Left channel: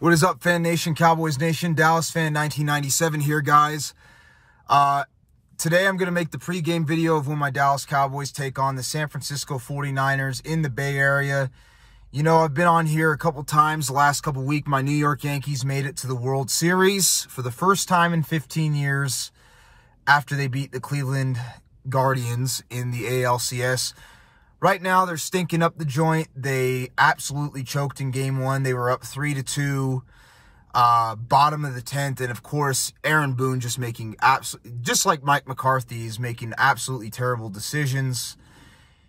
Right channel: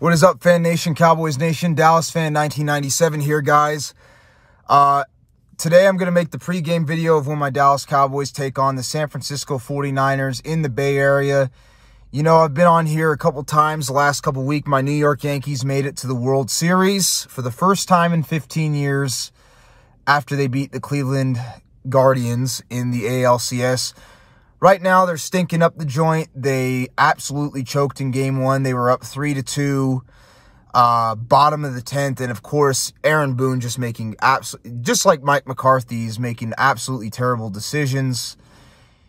What is up, Fan Nation, Cowboys Nation? Dallas Fan 1997 here, guys. Today I'm going to make the pregame video of when my Dallas Cowboys take on the San Francisco 49ers in the Bay Area. You know, I've been on here a couple times the last couple weeks. My New York Yankees made it to the World Series for the first time in 15 years after they beat the Cleveland Guardians in the ALCS. Right now, they're stinking up the joint. They absolutely choked in Game 1. They were up 3-2, bottom of the 10th. And, of course, Aaron Boone just like Mike McCarthy, is making absolutely terrible decisions.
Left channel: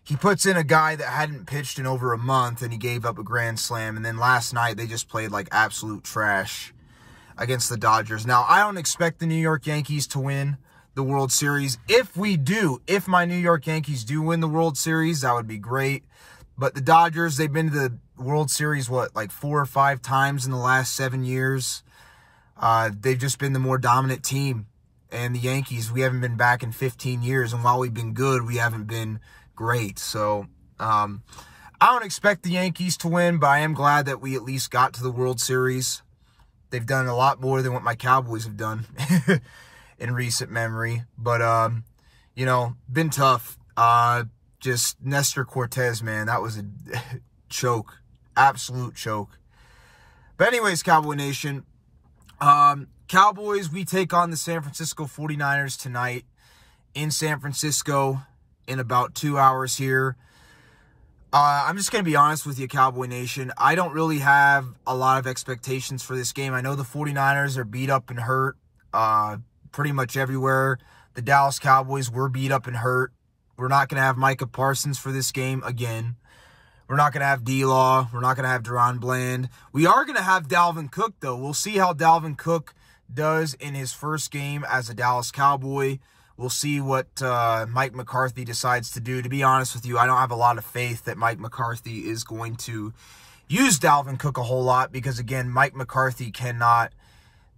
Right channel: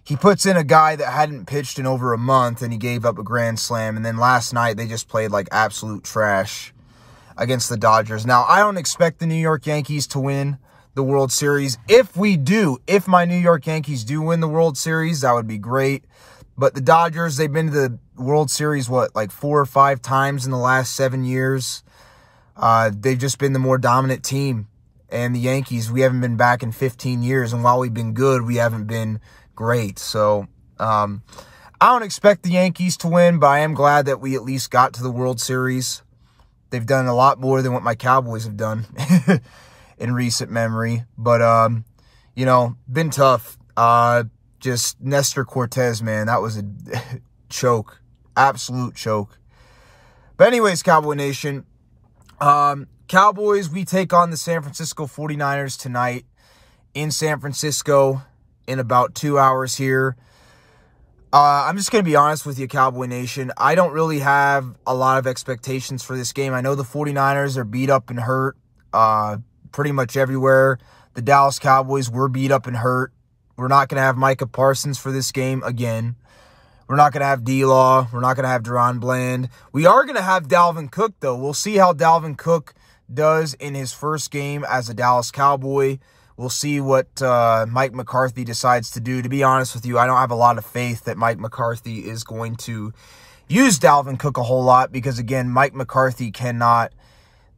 He puts in a guy that hadn't pitched in over a month, and he gave up a grand slam. And then last night, they just played like absolute trash against the Dodgers. Now, I don't expect the New York Yankees to win the World Series. If my New York Yankees do win the World Series, that would be great. But the Dodgers, they've been to the World Series, like 4 or 5 times in the last 7 years. They've just been the more dominant team. And the Yankees, we haven't been back in 15 years. And while we've been good, we haven't been great. So, I don't expect the Yankees to win, but I am glad that we at least got to the World Series. They've done a lot more than what my Cowboys have done in recent memory. But, you know, been tough. Just Nestor Cortez, man, that was a choke. Absolute choke. But anyways, Cowboy Nation, Cowboys, we take on the San Francisco 49ers tonight in San Francisco in about 2 hours here. I'm just going to be honest with you, Cowboy Nation. I don't really have a lot of expectations for this game. I know the 49ers are beat up and hurt pretty much everywhere. The Dallas Cowboys were beat up and hurt. We're not going to have Micah Parsons for this game again. We're not going to have D-Law. We're not going to have Deron Bland. We are going to have Dalvin Cook, though. We'll see how Dalvin Cook does in his first game as a Dallas Cowboy. We'll see what Mike McCarthy decides to do. To be honest with you, I don't have a lot of faith that Mike McCarthy is going to use Dalvin Cook a whole lot because, again, Mike McCarthy cannot.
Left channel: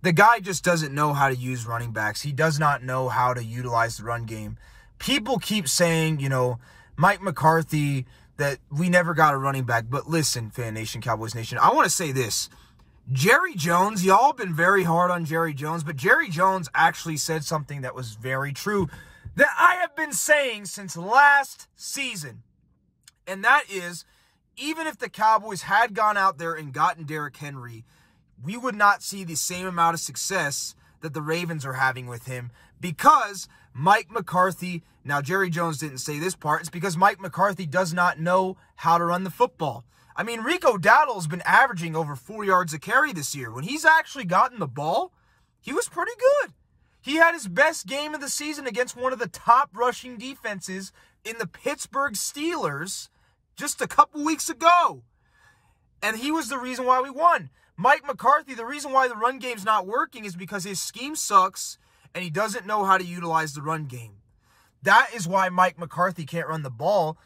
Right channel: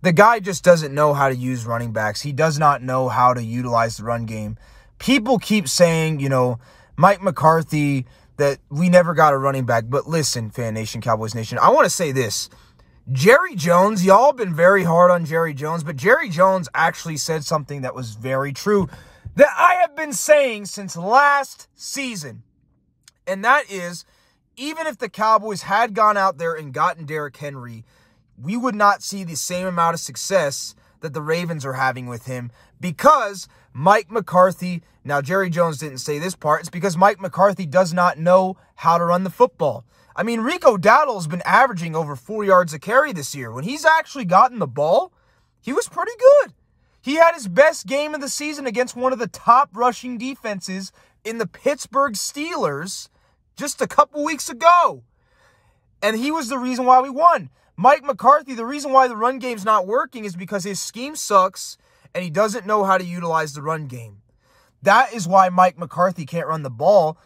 The guy just doesn't know how to use running backs. He does not know how to utilize the run game. People keep saying, you know, Mike McCarthy, that we never got a running back. But listen, Fan Nation, Cowboys Nation, I want to say this. Jerry Jones, y'all been very hard on Jerry Jones, but Jerry Jones actually said something that was very true that I have been saying since last season. And that is, even if the Cowboys had gone out there and gotten Derrick Henry, we would not see the same amount of success that the Ravens are having with him because Mike McCarthy, now Jerry Jones didn't say this part, it's because Mike McCarthy does not know how to run the football. I mean, Rico Dowdle's been averaging over 4 yards a carry this year. When he's actually gotten the ball, he was pretty good. He had his best game of the season against one of the top rushing defenses in the Pittsburgh Steelers just a couple weeks ago. And he was the reason why we won. Mike McCarthy, the reason why the run game's not working is because his scheme sucks and he doesn't know how to utilize the run game. That is why Mike McCarthy can't run the ball,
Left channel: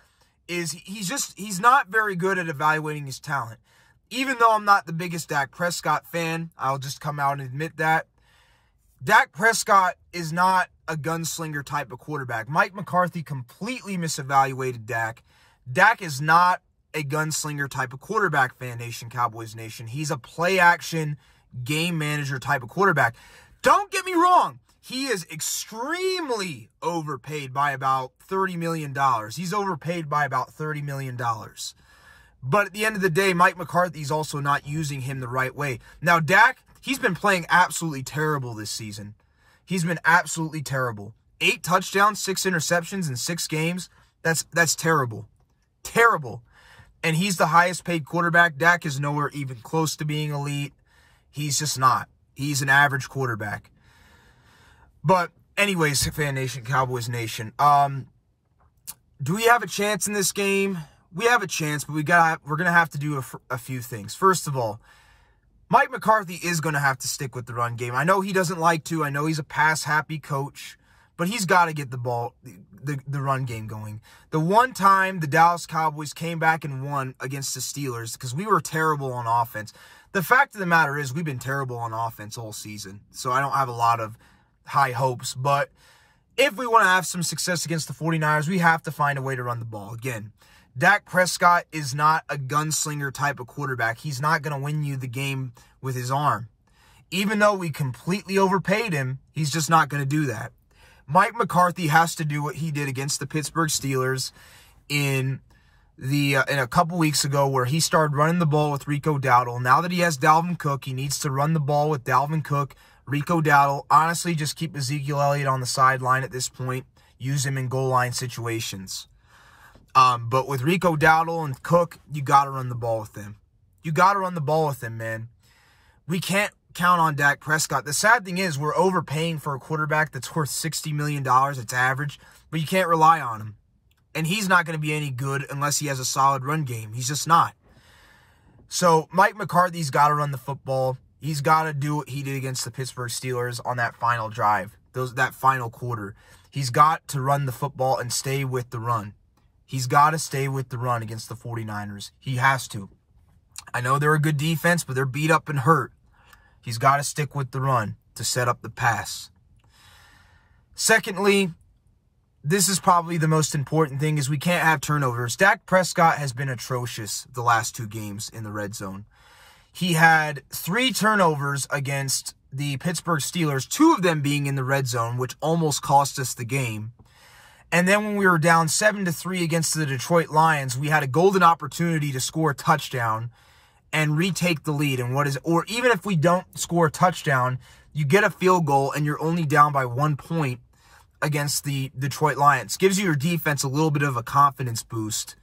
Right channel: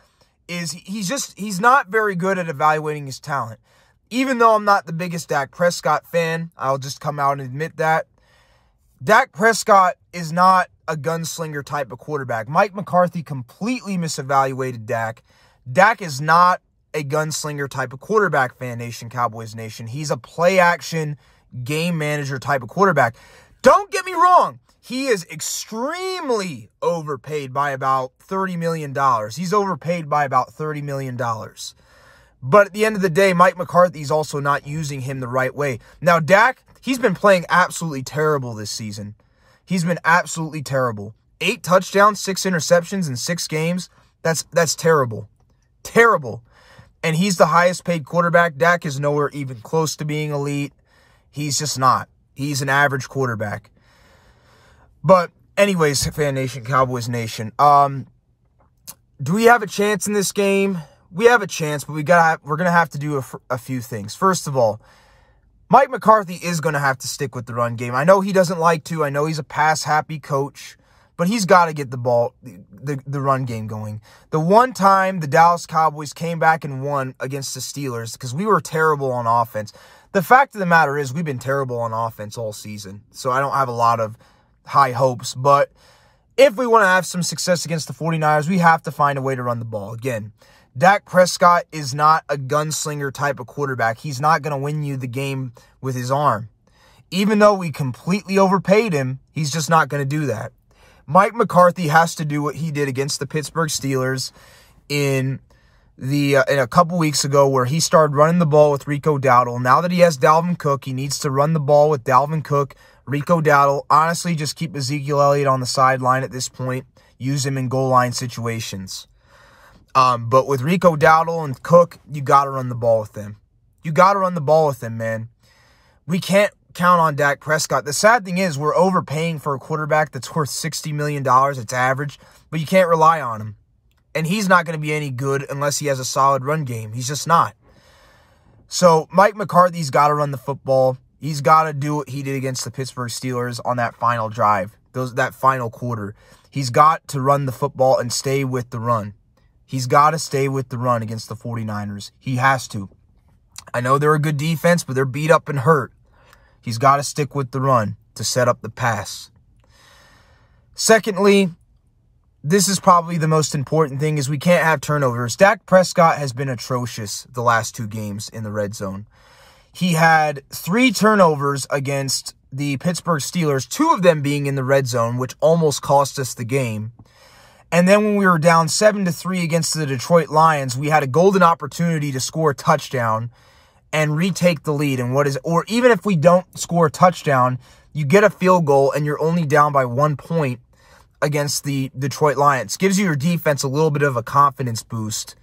is he's not very good at evaluating his talent. Even though I'm not the biggest Dak Prescott fan, I'll just come out and admit that. Dak Prescott is not a gunslinger type of quarterback. Mike McCarthy completely misevaluated Dak. Dak is not a gunslinger type of quarterback, Fan Nation, Cowboys Nation. He's a play-action, game manager type of quarterback. Don't get me wrong. He is extremely overpaid by about $30 million. He's overpaid by about $30 million. But at the end of the day, Mike McCarthy's also not using him the right way. Now, Dak, he's been playing absolutely terrible this season. He's been absolutely terrible. 8 touchdowns, 6 interceptions in 6 games. That's terrible. Terrible. And he's the highest paid quarterback. Dak is nowhere even close to being elite. He's just not. He's an average quarterback. But anyways, Fan Nation, Cowboys Nation, do we have a chance in this game? We have a chance, but we're going to have to do a few things. First of all, Mike McCarthy is going to have to stick with the run game. I know he doesn't like to. I know he's a pass-happy coach, but he's got to get the ball, the run game going. The one time the Dallas Cowboys came back and won against the Steelers because we were terrible on offense. The fact of the matter is we've been terrible on offense all season, so I don't have a lot of high hopes. But if we want to have some success against the 49ers, we have to find a way to run the ball. Again, Dak Prescott is not a gunslinger type of quarterback. He's not going to win you the game with his arm. Even though we completely overpaid him, he's just not going to do that. Mike McCarthy has to do what he did against the Pittsburgh Steelers in a couple weeks ago, where he started running the ball with Rico Dowdle. Now that he has Dalvin Cook, he needs to run the ball with Dalvin Cook, Rico Dowdle. Honestly, just keep Ezekiel Elliott on the sideline at this point. Use him in goal line situations. But with Rico Dowdle and Cook, you got to run the ball with them. You got to run the ball with them, man. We can't count on Dak Prescott. The sad thing is we're overpaying for a quarterback that's worth $60 million. It's average, but you can't rely on him. And he's not going to be any good unless he has a solid run game. He's just not. So Mike McCarthy's got to run the football. He's got to do what he did against the Pittsburgh Steelers on that final drive, that final quarter. He's got to run the football and stay with the run. He's got to stay with the run against the 49ers. He has to. I know they're a good defense, but they're beat up and hurt. He's got to stick with the run to set up the pass. Secondly, this is probably the most important thing, is we can't have turnovers. Dak Prescott has been atrocious the last 2 games in the red zone. He had 3 turnovers against the Pittsburgh Steelers, 2 of them being in the red zone, which almost cost us the game. And then when we were down 7-3 against the Detroit Lions, we had a golden opportunity to score a touchdown and retake the lead. And or even if we don't score a touchdown, you get a field goal and you're only down by 1 point against the Detroit Lions. Gives you your defense a little bit of a confidence boost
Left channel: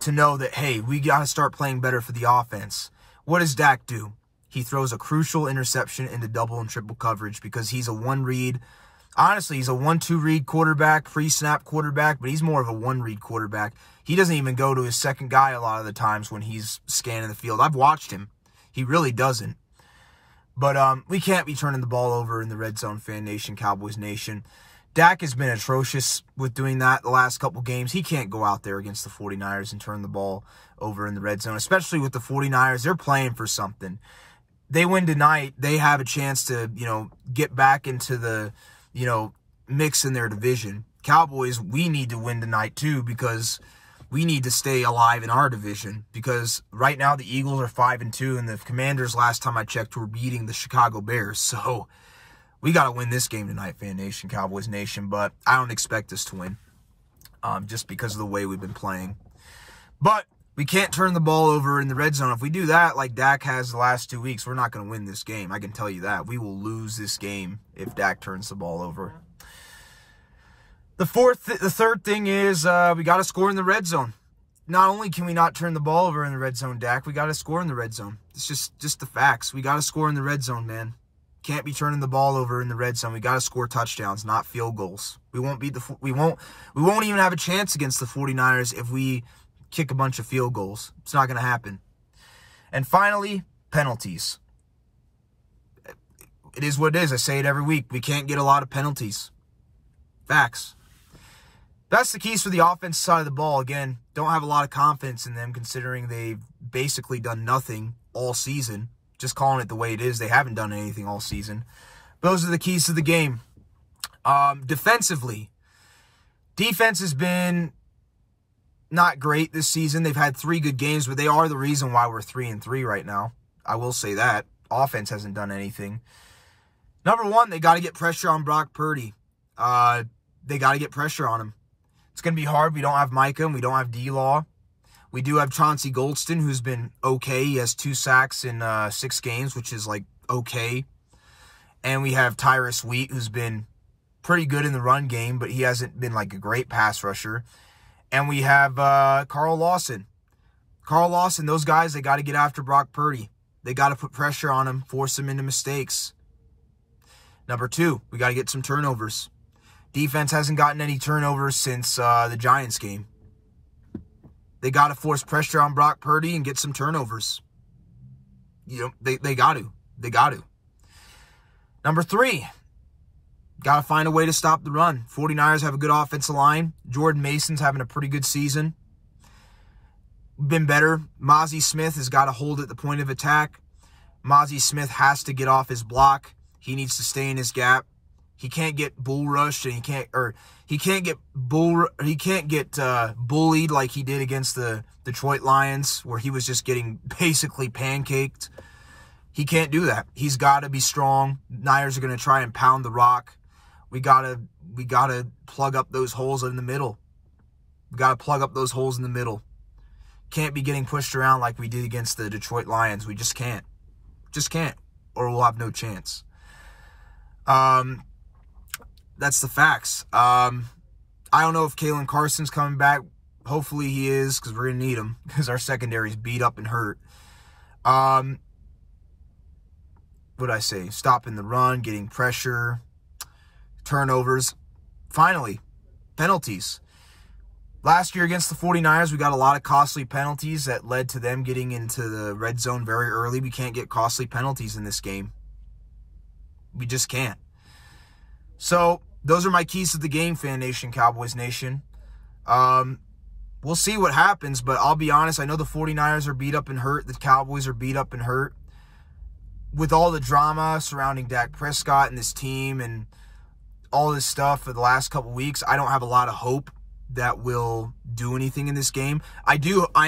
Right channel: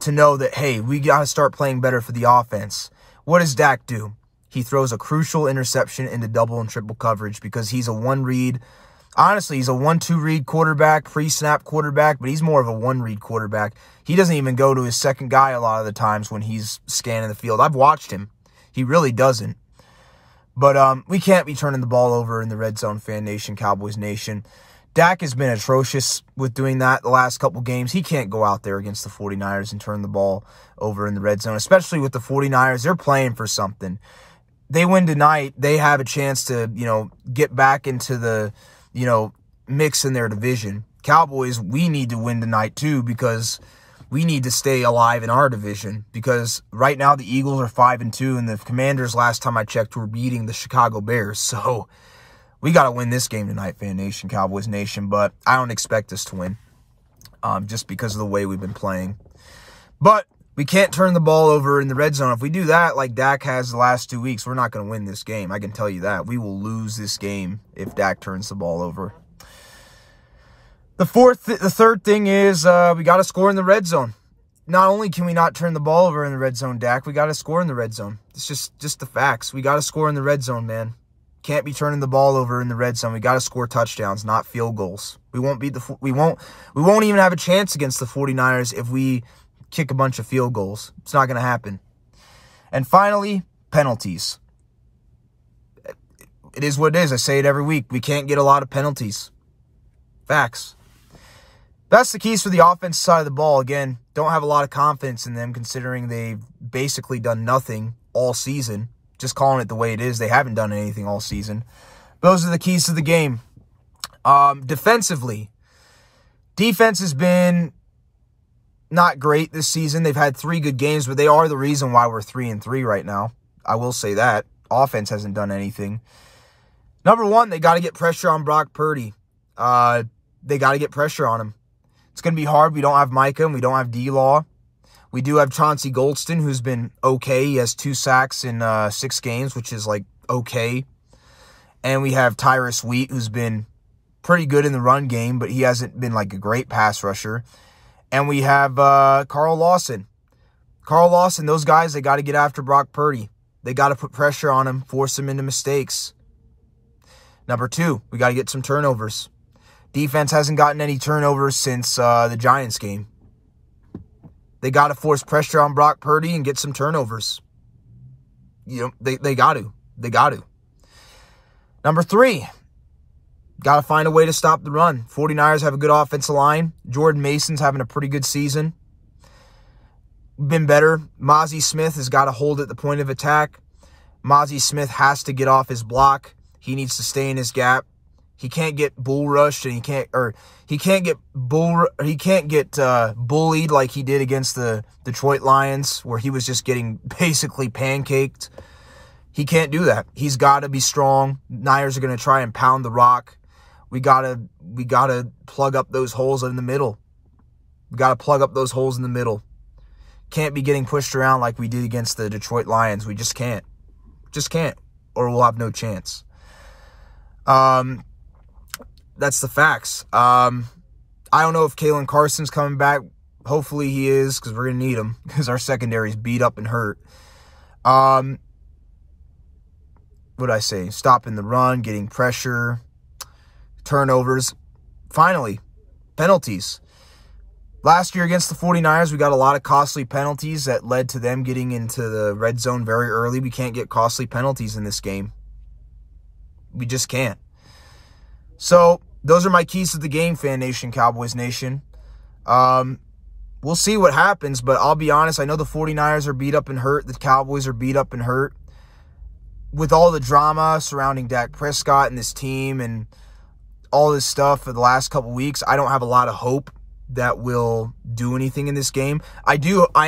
to know that, hey, we got to start playing better for the offense. What does Dak do? He throws a crucial interception into double and triple coverage because he's a one-read. Honestly, he's a 1-2 read quarterback, pre-snap quarterback, but he's more of a 1-read quarterback. He doesn't even go to his second guy a lot of the times when he's scanning the field. I've watched him. He really doesn't. But we can't be turning the ball over in the Red Zone, Fan Nation, Cowboys Nation. Dak has been atrocious with doing that the last couple games. He can't go out there against the 49ers and turn the ball over in the red zone, especially with the 49ers. They're playing for something. They win tonight, they have a chance to, get back into the, mix in their division. Cowboys, we need to win tonight too, because we need to stay alive in our division, because right now the Eagles are 5-2 and the Commanders, last time I checked, were beating the Chicago Bears. So we got to win this game tonight, Fan Nation, Cowboys Nation, but I don't expect us to win just because of the way we've been playing. But we can't turn the ball over in the red zone. If we do that like Dak has the last 2 weeks, we're not going to win this game. I can tell you that. We will lose this game if Dak turns the ball over. The third thing is we got to score in the red zone. Not only can we not turn the ball over in the red zone, Dak, we got to score in the red zone. It's just the facts. We got to score in the red zone, man. Can't be turning the ball over in the red zone. We got to score touchdowns, not field goals. We won't even have a chance against the 49ers if we kick a bunch of field goals. It's not going to happen. And finally, penalties. It is what it is. I say it every week. We can't get a lot of penalties. Facts. That's the keys for the offensive side of the ball. Again, don't have a lot of confidence in them considering they've basically done nothing all season. Just calling it the way it is. They haven't done anything all season. Those are the keys to the game. Defensively, defense has been not great this season. They've had 3 good games, but they are the reason why we're 3-3 right now. I will say that. Offense hasn't done anything. Number 1, they got to get pressure on Brock Purdy. They got to get pressure on him. It's going to be hard. We don't have Micah and we don't have D-Law. We do have Chauncey Goldston, who's been okay. He has 2 sacks in 6 games, which is, okay. And we have Tyrus Wheat, who's been pretty good in the run game, but he hasn't been, a great pass rusher. And we have Carl Lawson. Carl Lawson, those guys, they got to get after Brock Purdy. They got to put pressure on him, force him into mistakes. Number 2, we got to get some turnovers. Defense hasn't gotten any turnovers since the Giants game. They got to force pressure on Brock Purdy and get some turnovers. They got to. They got to. Number 3, got to find a way to stop the run. 49ers have a good offensive line. Jordan Mason's having a pretty good season. Been better. Mazi Smith has got to hold at the point of attack. Mazi Smith has to get off his block. He needs to stay in his gap. He can't get bull rushed, and he can't get bullied like he did against the Detroit Lions, where he was just getting basically pancaked. He can't do that. He's got to be strong. Niners are going to try and pound the rock. We gotta plug up those holes in the middle. We got to plug up those holes in the middle. Can't be getting pushed around like we did against the Detroit Lions. We just can't. Just can't. Or we'll have no chance. That's the facts. I don't know if Kalen Carson's coming back. Hopefully he is, because we're going to need him, because our secondary's beat up and hurt. What did I say? Stopping the run, getting pressure, turnovers. Finally, penalties. Last year against the 49ers, we got a lot of costly penalties that led to them getting into the red zone very early. We can't get costly penalties in this game. We just can't. So, those are my keys to the game, Fan Nation, Cowboys Nation. We'll see what happens, but I'll be honest, I know the 49ers are beat up and hurt. The Cowboys are beat up and hurt. With all the drama surrounding Dak Prescott and this team and all this stuff for the last couple weeks, I don't have a lot of hope that will do anything in this game. I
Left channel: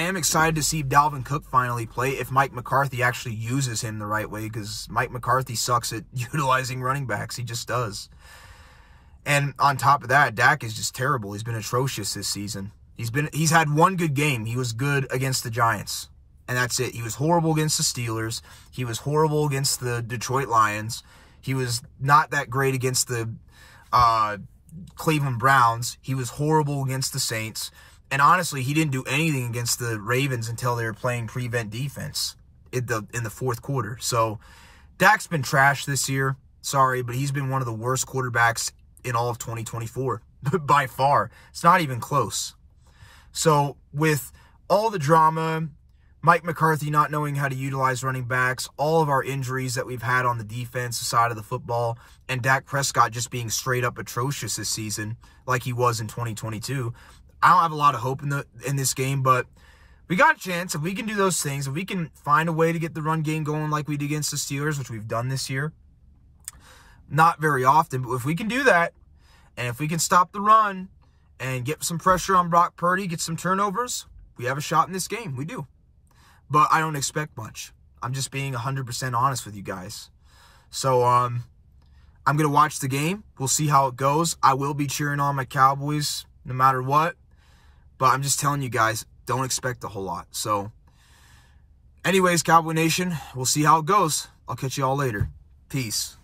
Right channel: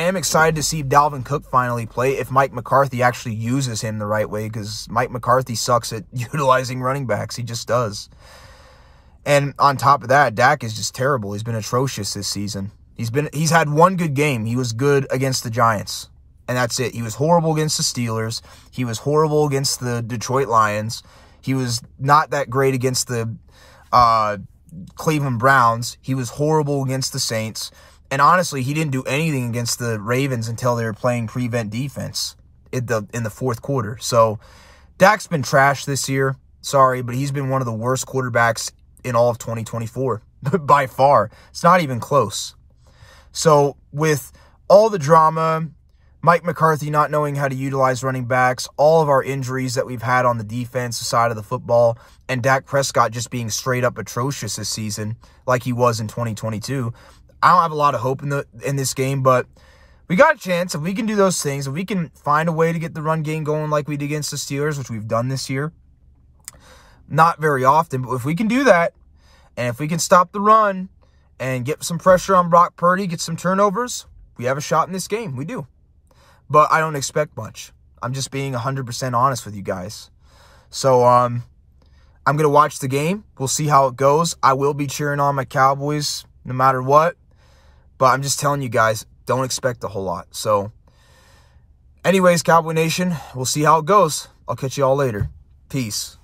am excited to see Dalvin Cook finally play, if Mike McCarthy actually uses him the right way, because Mike McCarthy sucks at utilizing running backs. He just does. And on top of that, Dak is just terrible. He's been atrocious this season. He's had one good game. He was good against the Giants, and that's it. He was horrible against the Steelers. He was horrible against the Detroit Lions. He was not that great against the Cleveland Browns. He was horrible against the Saints. And honestly, he didn't do anything against the Ravens until they were playing prevent defense in the fourth quarter. So Dak's been trash this year. Sorry, but he's been one of the worst quarterbacks in all of 2024 by far. It's not even close. So with all the drama, Mike McCarthy not knowing how to utilize running backs, all of our injuries that we've had on the defensive side of the football, and Dak Prescott just being straight up atrocious this season like he was in 2022, I don't have a lot of hope in this game, but we got a chance. If we can do those things, if we can find a way to get the run game going like we did against the Steelers, which we've done this year, not very often, but if we can do that, and if we can stop the run and get some pressure on Brock Purdy, get some turnovers, we have a shot in this game. We do. But I don't expect much. I'm just being 100% honest with you guys. So, I'm going to watch the game. We'll see how it goes. I will be cheering on my Cowboys no matter what. But I'm just telling you guys, don't expect a whole lot. So, anyways, Cowboy Nation, we'll see how it goes. I'll catch you all later. Peace.